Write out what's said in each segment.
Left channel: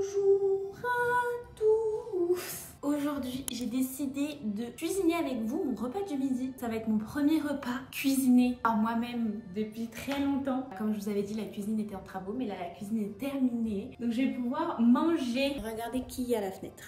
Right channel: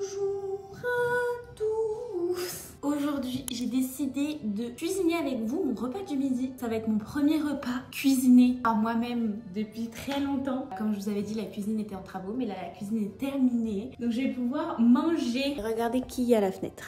Bonjour à tous. Aujourd'hui, j'ai décidé de cuisiner avec vous mon repas du midi. Ça va être mon premier repas cuisiné par moi-même depuis très longtemps. Comme je vous avais dit, la cuisine était en travaux, mais là, la cuisine est terminée. Donc, je vais pouvoir manger. Regardez qui y a à la fenêtre.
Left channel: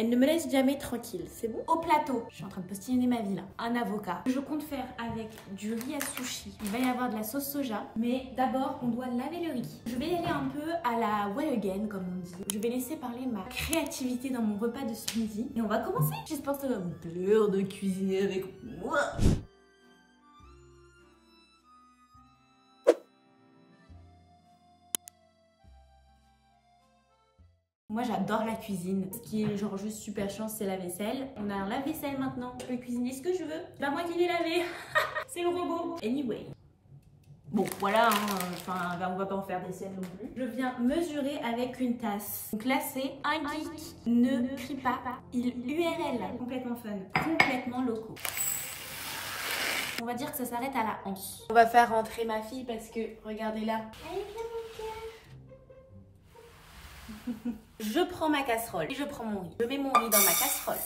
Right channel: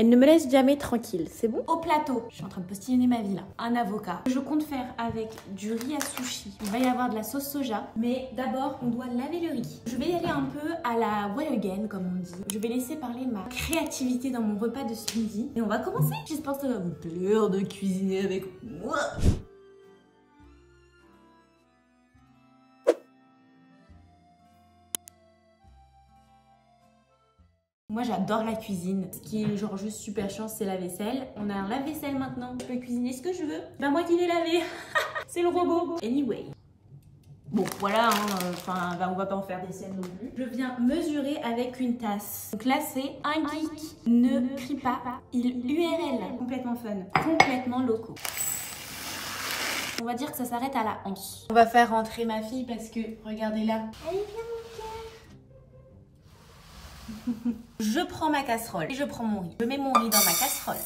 Elle ne me laisse jamais tranquille, c'est bon? Au plateau, je suis en train de postillonner ma vie là. Un avocat. Je compte faire avec du riz à sushi. Il va y avoir de la sauce soja. Mais d'abord, on doit laver le riz. Je vais y aller un peu à la way again, comme on dit. Je vais laisser parler ma créativité dans mon repas de ce midi. Et on va commencer. J'espère que ça va vous plaire de cuisiner avec moi. Moi j'adore la cuisine. Ce qui est genre juste super chiant, c'est la vaisselle. On a un lave-vaisselle maintenant. Je peux cuisiner ce que je veux. Bah moi qui vais laver. C'est le robot. Anyway. Bon voilà, enfin là on va pas en faire des scènes non plus. Je viens mesurer avec une tasse. Donc là c'est un geek. Ne crie pas. Il URL. Complètement fun. Complètement locaux. On va dire que ça s'arrête à la anse. On va faire rentrer ma fille parce que regardez là. Allez viens mon cœur. Je prends ma casserole et je prends mon riz. Je mets mon riz dans ma casserole.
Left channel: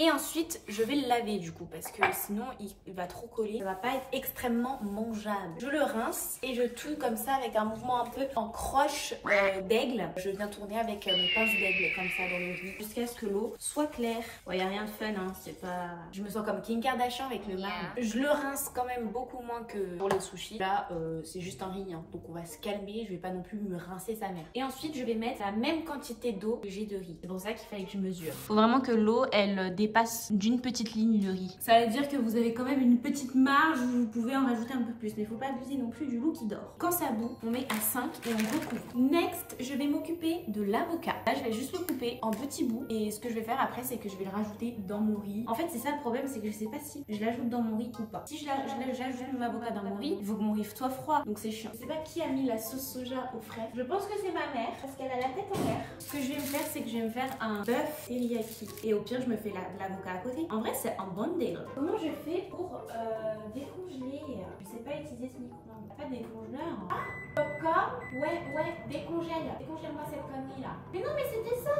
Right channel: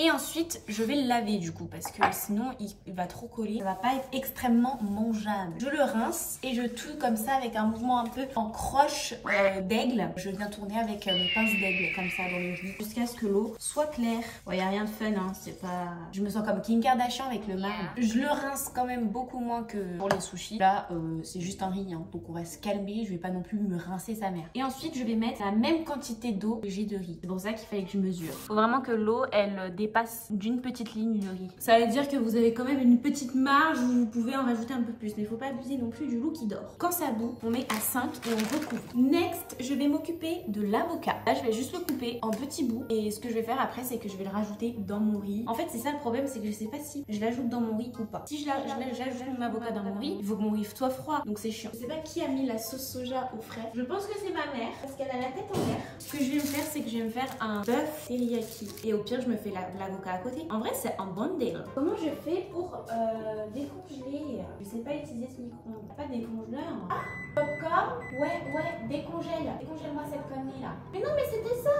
Et ensuite, je vais le laver du coup parce que sinon, il va trop coller. Ça va pas être extrêmement mangeable. Je le rince et je touille comme ça avec un mouvement un peu en croche d'aigle. Je viens tourner avec mes pinces d'aigle comme ça dans le riz jusqu'à ce que l'eau soit claire. Il n'y a rien de fun, hein. C'est pas... Je me sens comme Kim Kardashian avec le marbre. Je le rince quand même beaucoup moins que pour les sushis. Là, c'est juste un riz, hein. Donc on va se calmer. Je vais pas non plus me rincer sa mère. Et ensuite, je vais mettre la même quantité d'eau que j'ai de riz. C'est pour ça qu'il fallait que je mesure. Faut vraiment que l'eau, elle dépasse d'une petite ligne de riz. Ça veut dire que vous avez quand même une petite marge où vous pouvez en rajouter un peu plus. Mais il faut pas abuser non plus du loup qui dort. Quand ça bout, on met à 5 et on recouvre. Next, je vais m'occuper de l'avocat. Là, je vais juste le couper en petits bouts. Et ce que je vais faire après, c'est que je vais le rajouter dans mon riz. En fait, c'est ça le problème, c'est que je sais pas si je l'ajoute dans mon riz ou pas. Si j'ajoute mon avocat dans mon riz, il faut que mon riz soit froid. Donc c'est chiant. Je sais pas qui a mis la sauce soja au frais. Je pense que c'est ma mère parce qu'elle a la tête en l'air. Ce que je vais me faire, c'est que je vais me faire un bœuf teriyaki. Et au pire, je me fais l'avocat à côté. En vrai, c'est un bon deal. Comment je fais pour décongeler? Je sais pas utiliser ce micro-ondes. Pas décongeleur. Ah, popcorn. Ouais, décongèle. Décongèle-moi cette connerie là. Mais non, mais c'était ça.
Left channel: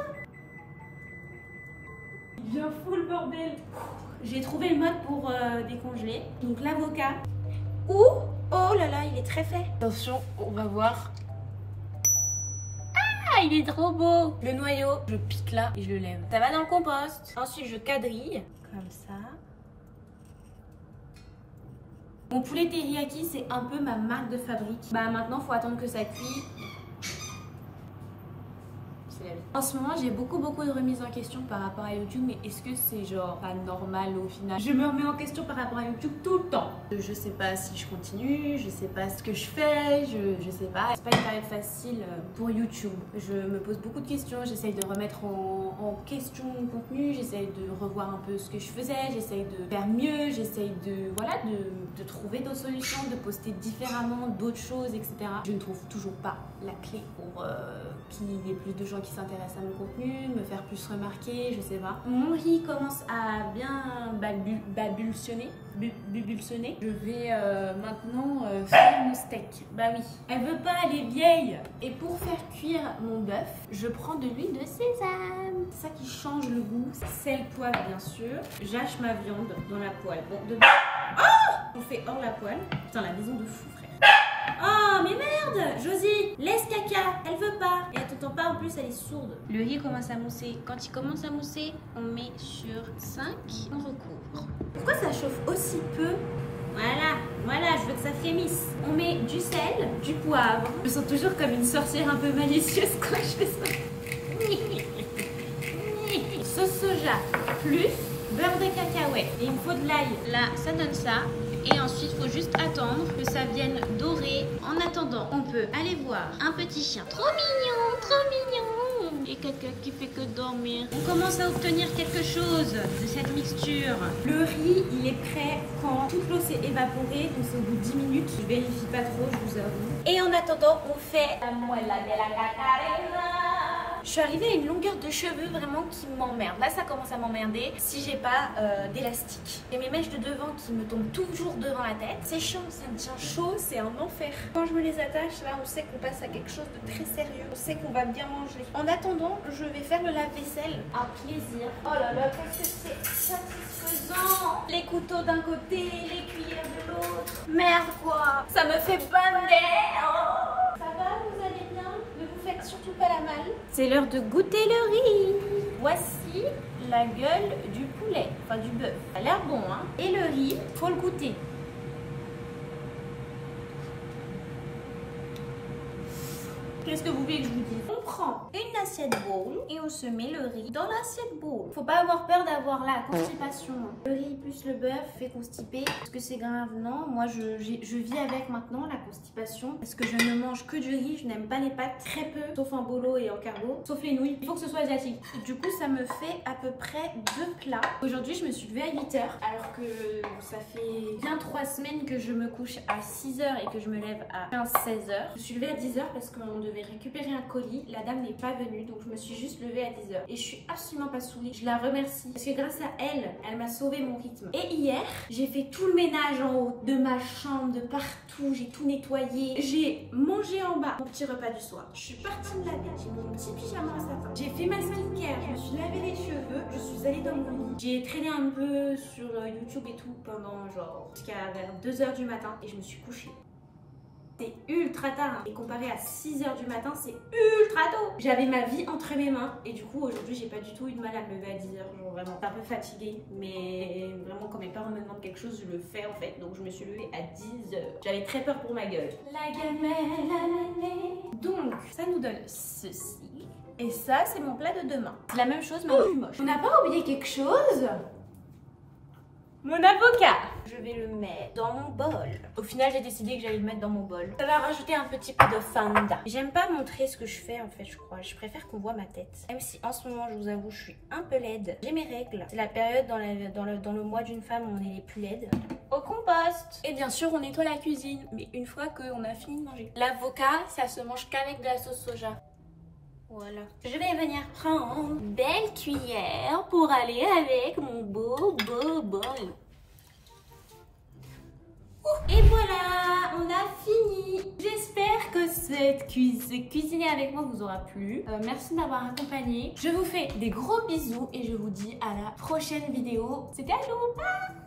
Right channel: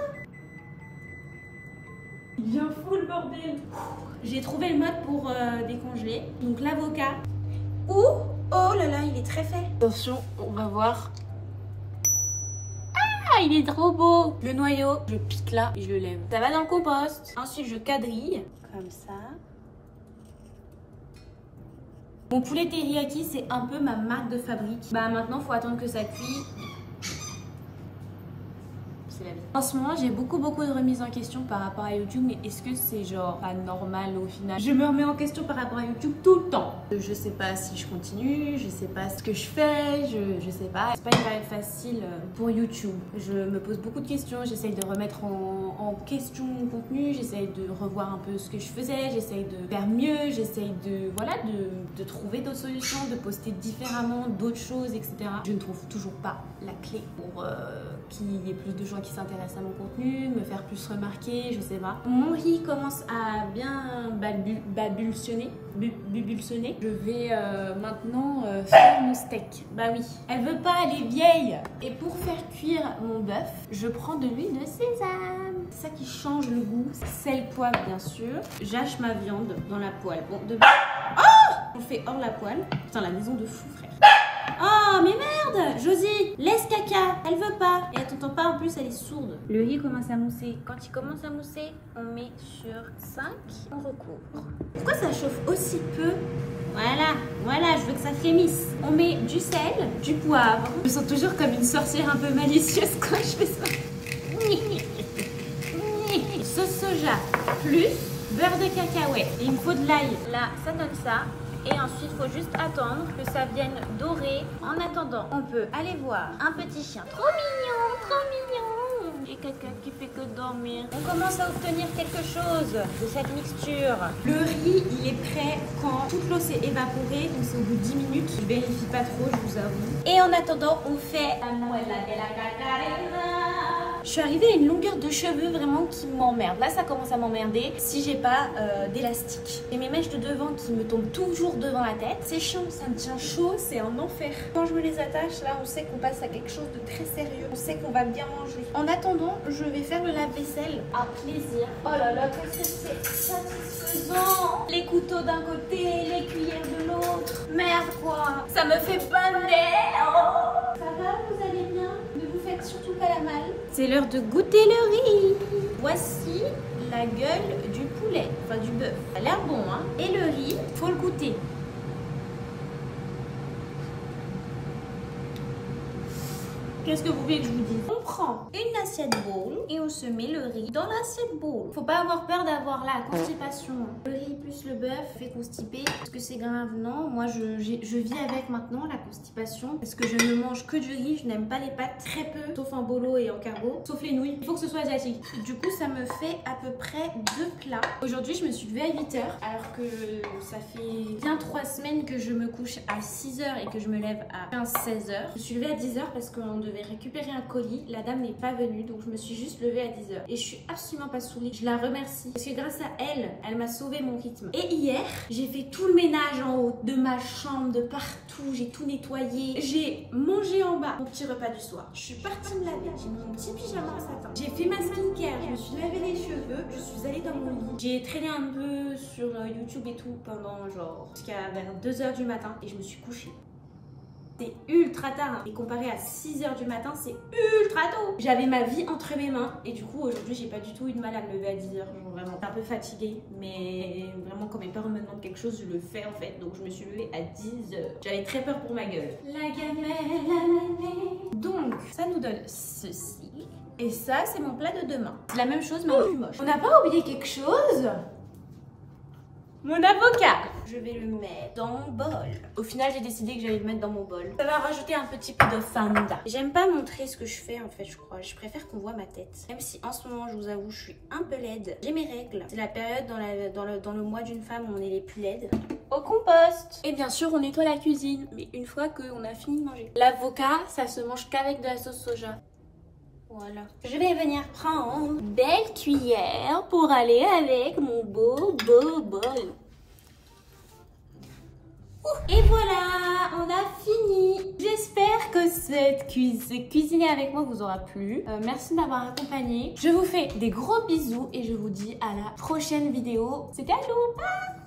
Il vient fou le bordel. J'ai trouvé le mode pour décongeler. Donc l'avocat. Ouh, oh là là, il est très fait. Attention, on va voir. Ah, il est trop beau. Le noyau, je pique là et je le lève. Ça va dans le compost. Ensuite, je quadrille comme ça. Mon poulet teriyaki, c'est un peu ma marque de fabrique. Bah maintenant, faut attendre que ça cuise. En ce moment, j'ai beaucoup de remises en question par rapport à YouTube, mais est-ce que c'est genre pas normal au final? Je me remets en question par rapport à YouTube tout le temps. Je sais pas si je continue, je sais pas ce que je fais, je sais pas. C'est pas une période facile pour YouTube. Je me pose beaucoup de questions, j'essaye de remettre en question mon contenu, j'essaye de revoir un peu ce que je faisais, j'essaye de faire mieux, j'essaye de, voilà, de trouver d'autres solutions, de poster différemment, d'autres choses, etc. Je ne trouve toujours pas la clé pour qu'il y ait plus de gens qui s'intéressent à mon contenu, me faire plus remarquer, je sais pas. Mon riz commence à bien babulsionner. Je vais maintenant faire mon steak. Bah oui, elle veut pas, elle est vieille. Et pour faire cuire mon bœuf, je prends de l'huile de sésame. C'est ça qui change le goût. Sel, poivre bien sûr. J'hache ma viande dans la poêle. Bon, oh, on fait hors la poêle. Putain, la maison de fou, frère. Oh mais merde, Josie, laisse caca, elle veut pas. Et elle t'entend pas en plus, elle est sourde. Le riz commence à mousser. Quand il commence à mousser, on met sur 5, on recouvre. Pourquoi ça chauffe aussi peu? Voilà, je veux que ça frémisse. On met du sel, du poivre. Je me sens toujours comme une sorcière un peu malicieuse quand je fais ça. Sauce soja, plus beurre de cacahuète. Et il me faut de l'ail. Là, ça donne ça. Et ensuite, il faut juste attendre que ça vienne dorer. En attendant, on peut aller voir un petit chien. Trop mignon, trop mignon. Et quelqu'un qui fait que dormir. On commence à obtenir quelque chose de cette mixture. Le riz, il est prêt quand toute l'eau s'est évaporée. Donc c'est au bout de 10 minutes. Je vérifie pas trop, je vous avoue. Et en attendant, on fait la muela de la cacarena. Je suis arrivée à une longueur de cheveux vraiment qui m'emmerde. Là, ça commence à m'emmerder si j'ai pas d'élastique. Et mes mèches de devant qui me tombent toujours devant la tête. C'est chiant, ça me tient chaud, c'est un enfer. Quand je me les attache, là, on sait qu'on passe à quelque chose de très sérieux. On sait qu'on va bien manger. En attendant, je vais faire le lave-vaisselle. Un plaisir. Oh là là, que c'est satisfaisant. Les couteaux d'un côté, les cuillères de l'autre. Merde quoi, ça me fait pas merde. Ça va, vous allez bien? Ne vous faites surtout pas la malle. C'est l'heure de goûter le riz. Voici la gueule du poulet, enfin du bœuf. Ça a l'air bon, hein. Et le riz, faut le goûter. Qu'est-ce que vous voulez que je vous dise? On prend une assiette bowl et on se met le riz dans l'assiette bowl. Faut pas avoir peur d'avoir la constipation. Le riz plus le bœuf fait constiper. Est-ce que c'est grave? Non. Moi, je vis avec maintenant la constipation parce que je ne mange que du riz. Je n'aime pas les pâtes, très peu, sauf en bolo et en carbo, sauf les nouilles. Il faut que ce soit asiatique. Du coup, ça me fait à peu près 2 plats. Aujourd'hui, je me suis levée à 8 h alors que ça fait bien 3 semaines que je me couche à 6 h et que je me lève à 15-16 h. Je me suis levée à 10 h parce qu'on devait récupérer un colis. La dame n'est pas venue, donc je me suis juste levée à 10 h. Et je suis absolument pas saoulée. Je la remercie parce que grâce à elle, elle m'a sauvé mon rythme. Et hier, j'ai fait tout le ménage en haut de ma chambre, de partout. J'ai tout nettoyé. J'ai mangé en bas mon petit repas du soir. Je suis partie me laver. J'ai mis mon petit pyjama à satin. J'ai fait ma skincare. Je me suis lavé les cheveux. Je suis allée dans mon lit. J'ai traîné un peu sur YouTube et tout pendant genre jusqu'à vers 2 h du matin et je me suis couchée. C'est ultra tard, hein. Et comparé à 6 h du matin, c'est ultra tôt. J'avais ma vie entre mes mains et du coup aujourd'hui j'ai pas du tout eu de mal à me lever à 10 h. Genre vraiment un peu fatiguée, mais vraiment quand mes parents me demandent quelque chose, je le fais en fait. Donc je me suis levée à 10 h. J'avais très peur pour ma gueule. La gamelle. Donc ça nous donne ceci. Et ça c'est mon plat de demain. C'est la même chose mais en plus moche. On n'a pas oublié quelque chose? Mon avocat. Je vais le mettre dans mon bol. Au final, j'ai décidé que j'allais le mettre dans mon bol. Ça va rajouter un petit peu de fanda. J'aime pas montrer ce que je fais en fait, je crois. Je préfère qu'on voit ma tête. Même si en ce moment, je vous avoue, je suis un peu laide. J'ai mes règles. C'est la période dans le mois d'une femme où on est les plus laides. Au compost. Et bien sûr, on nettoie la cuisine. Mais une fois qu'on a fini de manger. L'avocat, ça se mange qu'avec de la sauce soja. Voilà. Je vais venir prendre une belle cuillère pour aller avec mon beau bol. Et voilà, on a fini. J'espère que cette cuisiner avec moi vous aura plu. Merci de m'avoir accompagnée. Je vous fais des gros bisous et je vous dis à la prochaine vidéo. C'était Alou. Bye.